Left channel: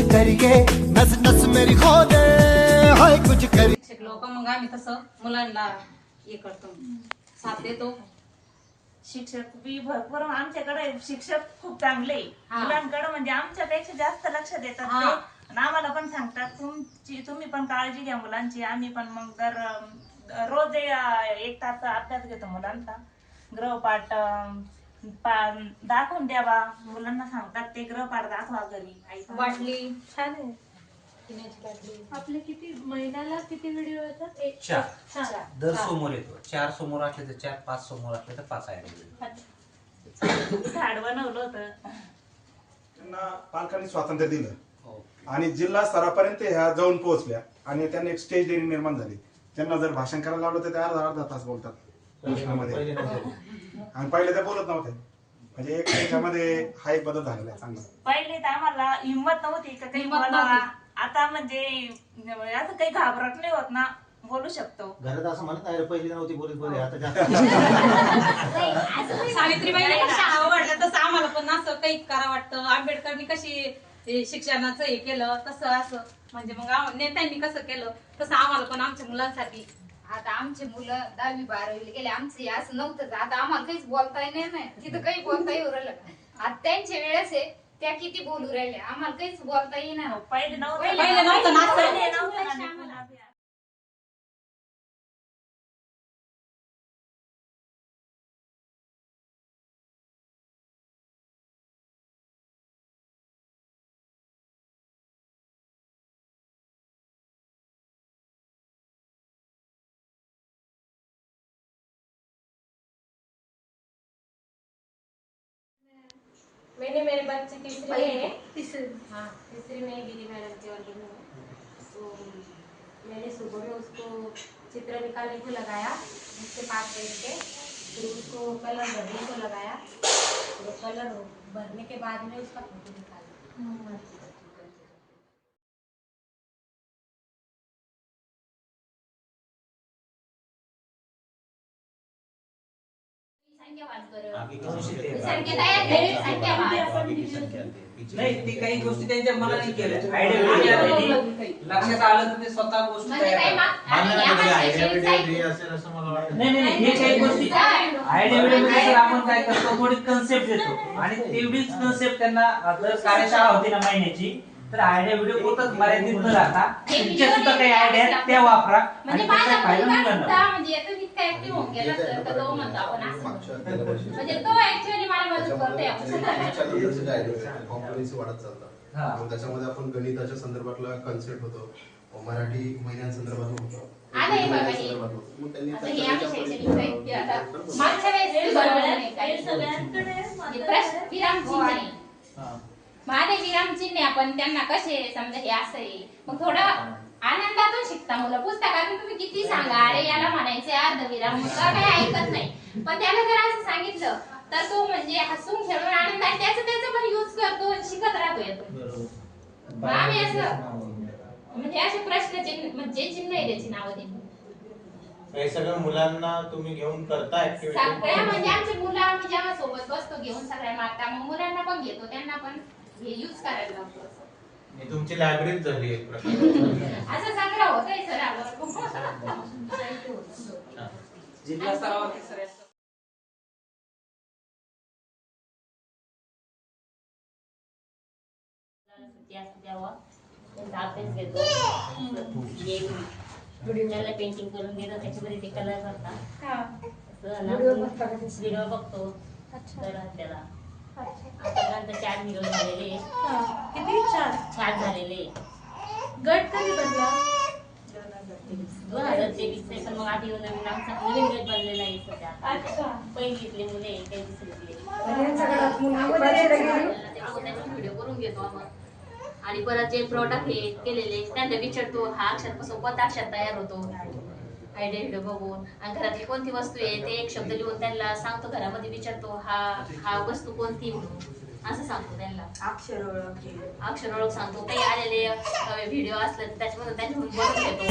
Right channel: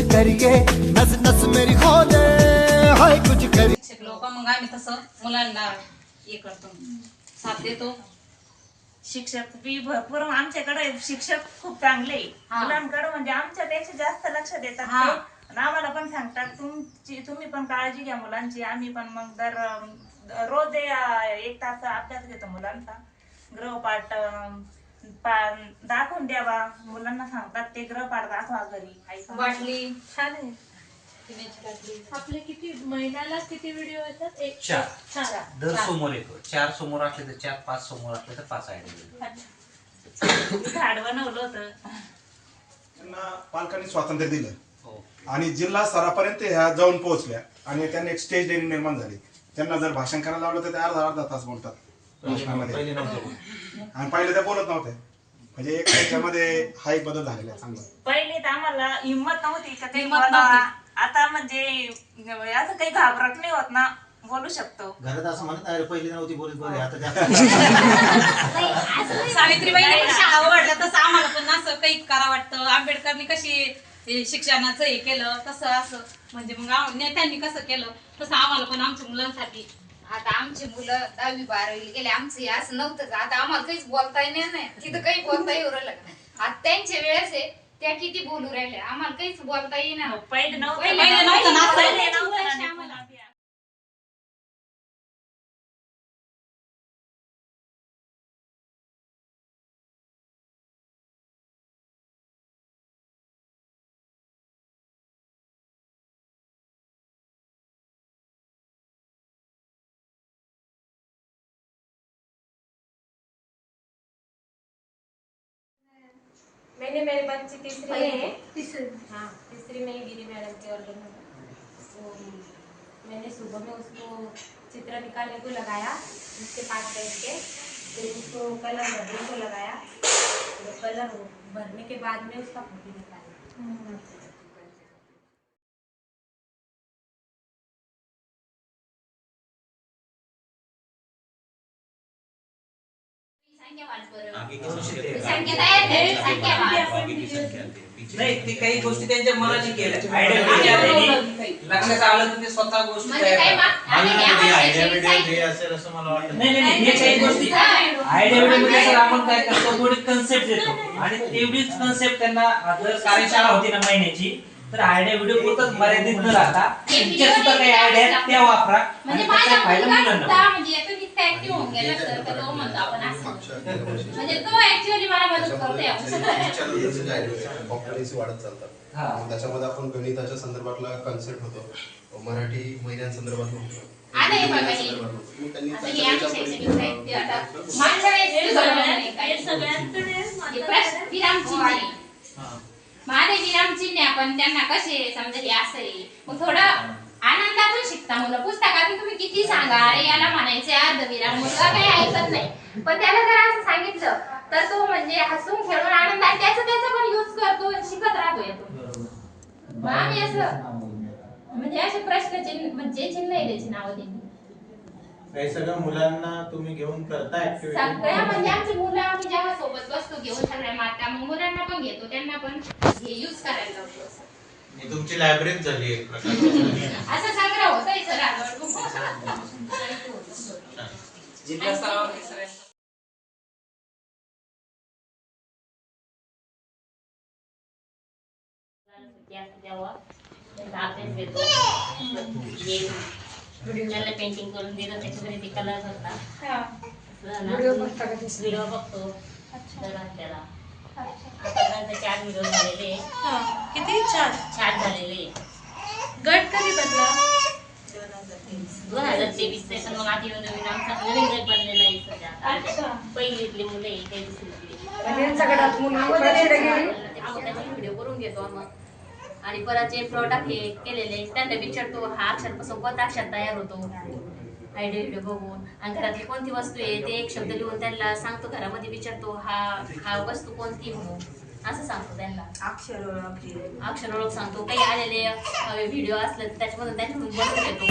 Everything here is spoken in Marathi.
कुछ करिए नस नस मेरी खोले हाय कुछ करिए शिक्षक लोक मग आम्ही तसं मुलांना हे करतो साथ देतो शिक्षक बी भरपूर आमच्याकडे शिक्षक खूप चांगले आहे. हा. मुलांकडे म्हणजे आमच्यापेक्षा जास्त लक्ष देतात हा. ते. आणि आम्हाला पण सांगतात तुमची तुम्ही पण काळजी घ्या मुलांची आम्ही पण मग दर अं, रोज ए- एक तास अभ्यास घेतो मुलांचा ग्रहपाठ अं, पा- दाखवून द्यावा. मुलांना सांगतात ते ग्रहपाठ दाखवा घरी. आई सांगते. बाटली छान आहे. पिण्याची बाटली. आपले किती महिन्याला किती व्हिडिओ येतात? एक चार. चार. दर समोर येतो. चार समोर असले तर चार पाच समोर असले तर पाच आयडिया मी झाड बनवलं होतं. त्यांना पालकांनी स्वातंत्र्य दिलं. हो. आणि जिल्हा स्तरापर्यंत ह्या जाऊन पोहोचल्या. आणि त्यांना एक स्टेज डेअरी निर्माण झाली. त्यांना जर भाषण करायला लावलं तर ते अर्धा अर्धा तास बोलतात. भाषणामध्ये आणि पहिले त्या बोलत नव्हते. म्हणजे एक त्याच्यामध्ये हा एक बदल झालेला आहे चांगला. पहिले तर आम्हाला हिंमत नव्हती का काही बोलावा. नव्हती. आता म्हणजे असं काही घाबरट नाही होत ना बोलू शकतो. घरात असं म्हणत अरे पहिली नव्हती बोलत बरे आता जास्त. सावित्रीबाईने पण शाळा वाढल्या तसं आम्हाला पण असं काही करा वाटतं. आंबेडकरनी कशी हे शिक्षणाचं हे केलं तसं असं. म्हणजे मग आम- नेत्यांनी कसं केलं तसं आम्हाला पण आमच्या मुलांसाठी आता आमची मुलं दहावी बारावी गेले आमचं हे असं नव्हतंच आता आम्हाला काहीच बोलता येणार नाही. तिथं काही बोलता येऊ राहिलं का? आता त्यांच्या वेळेस आहे त्या किती बोलू राहिल्या. आम्हाला काहीच बोलता येणार पहिले नव्हतं पहिले नव्हतं ना. असं. पहिले नव्हतं ना. मैंने मेरे बच्चे तीसरे में तीसरे। हाँ तीसरी में दीदी मैडम के ऑर्डर में। तो मैंने सुबह में उसको चित्र निकालने को लगाया उसके पास बैठ के फिर उसको कलर भरने को लगाया। तो कलर भरने के बाद में उसका फ़ोटो निकाला। नाही ते काही गोष्टी त्यांच्या मनाची केल्या. आयडिया म्हणजे लक्षात आलं की ते स्वतः गोष्टी नाही. नाही नाही, हे काही गोष्टी आयडिया मध्ये सर आपण काय करतो? थोडी कन्सेप्ट देतो. आणि तेवढीच कन्सेप्ट त्यांना जर कार्यशाळा होती ना महिन्याची तर आयडिया व्हिडिओ पुरतच मर्यादित न राहता. तुमच्या सुद्धा काही आयडिया आहेत, त्या वापरा. म्हणजे आणि त्याचा फायदा मुलांना म्हणजे याचं नित्य ऍक्टिव्ह होऊन गेला सर तर तो म्हणतो आपण असं. म्हणजे तो ऍक्च्युअली मला मदत करतोय कॉम्पिटन्सी वाढत चालतात. हा. मग त्याच्यामध्ये आपण गणिताच्या संदर्भातला कन्सेप्ट होतो. मराठी महिन्यांसंदर्भात होतो. आता हे बघा हे. मग त्यांनी आता हे शैक्षणिक साहित्य आता. हे सगळ्यांकडे हे प्रश्न विरामचिन्ह आहे. माझे विरामचिन्ह आहे, आपण त्यांना कसे समजा हे असं आहे मग थोडं आनंदातून शिकता मुलं. पुस्तकातून तुम्ही किती सांगा? अरे याला म्हणायचे अर्ध विराम मुलगा काही ऐकत नाही. पण त्याला जर असं सांगितलं तर तो म्हणजे हसून खेळून आनंद आणि त्याचा त्याचा पण युज करतो शिकत राहतो येतो मग आम्ही असं म्हणजे असे प्रश्न चिन्ह म्हणजे चिन्ह आहे त्याची नावं त्यांनी हे सगळं मुलांना तुम्ही घेऊन करता सगळ्या ऍक्टिव्हिटी म्हणजे आमची मुलं आम्ही जेव्हा सोबत बसतो घेऊन सगळ्या माता मग मुलांना पण घेतो त्यांना पण हे युज करायला लावतो. असं. तुमची लायब्ररीच झाली एक प्रकारची असं संग्रह होतोय सर आल्यावर जिल्हा स्तरावर हे सगळ्यांचं त्याला पेंटिंग करून देतो त्याच्या घरी ते कलर करतात व्हिडिओ बघतो आता चार व्हिडिओ झालेले. किती? छान छान झालेले. गट कधी बनला दोन हजार तेवीस ते पण मग आधी नवीन आमचा नवीन गट बनलेला आहे सध्या पहिलीतले मुलं आहे काही दुसरीतले. व्हिडिओ करून घेतो आम्ही. आणि परत जे प्रोडक्ट हे केलेले त्यांना विचारतो हा अक्षर सोबत अक्षर तयार होतो? आयडिया व्हिडिओ बघून. आणि घरातली कोणती वस्तू आहे ते एक शब्द लिहून त्यांना सांगतो घरामध्ये विचारतो हा हा वस्तू कोणती म्हणून? असं सांगतो त्यांना. अक्षर ओळख अक्षर ओळख सांगतो. काही आलेले व्हिडिओ असले तर त्याच्यामधून त्यांच्याकडून बनवून घेतो.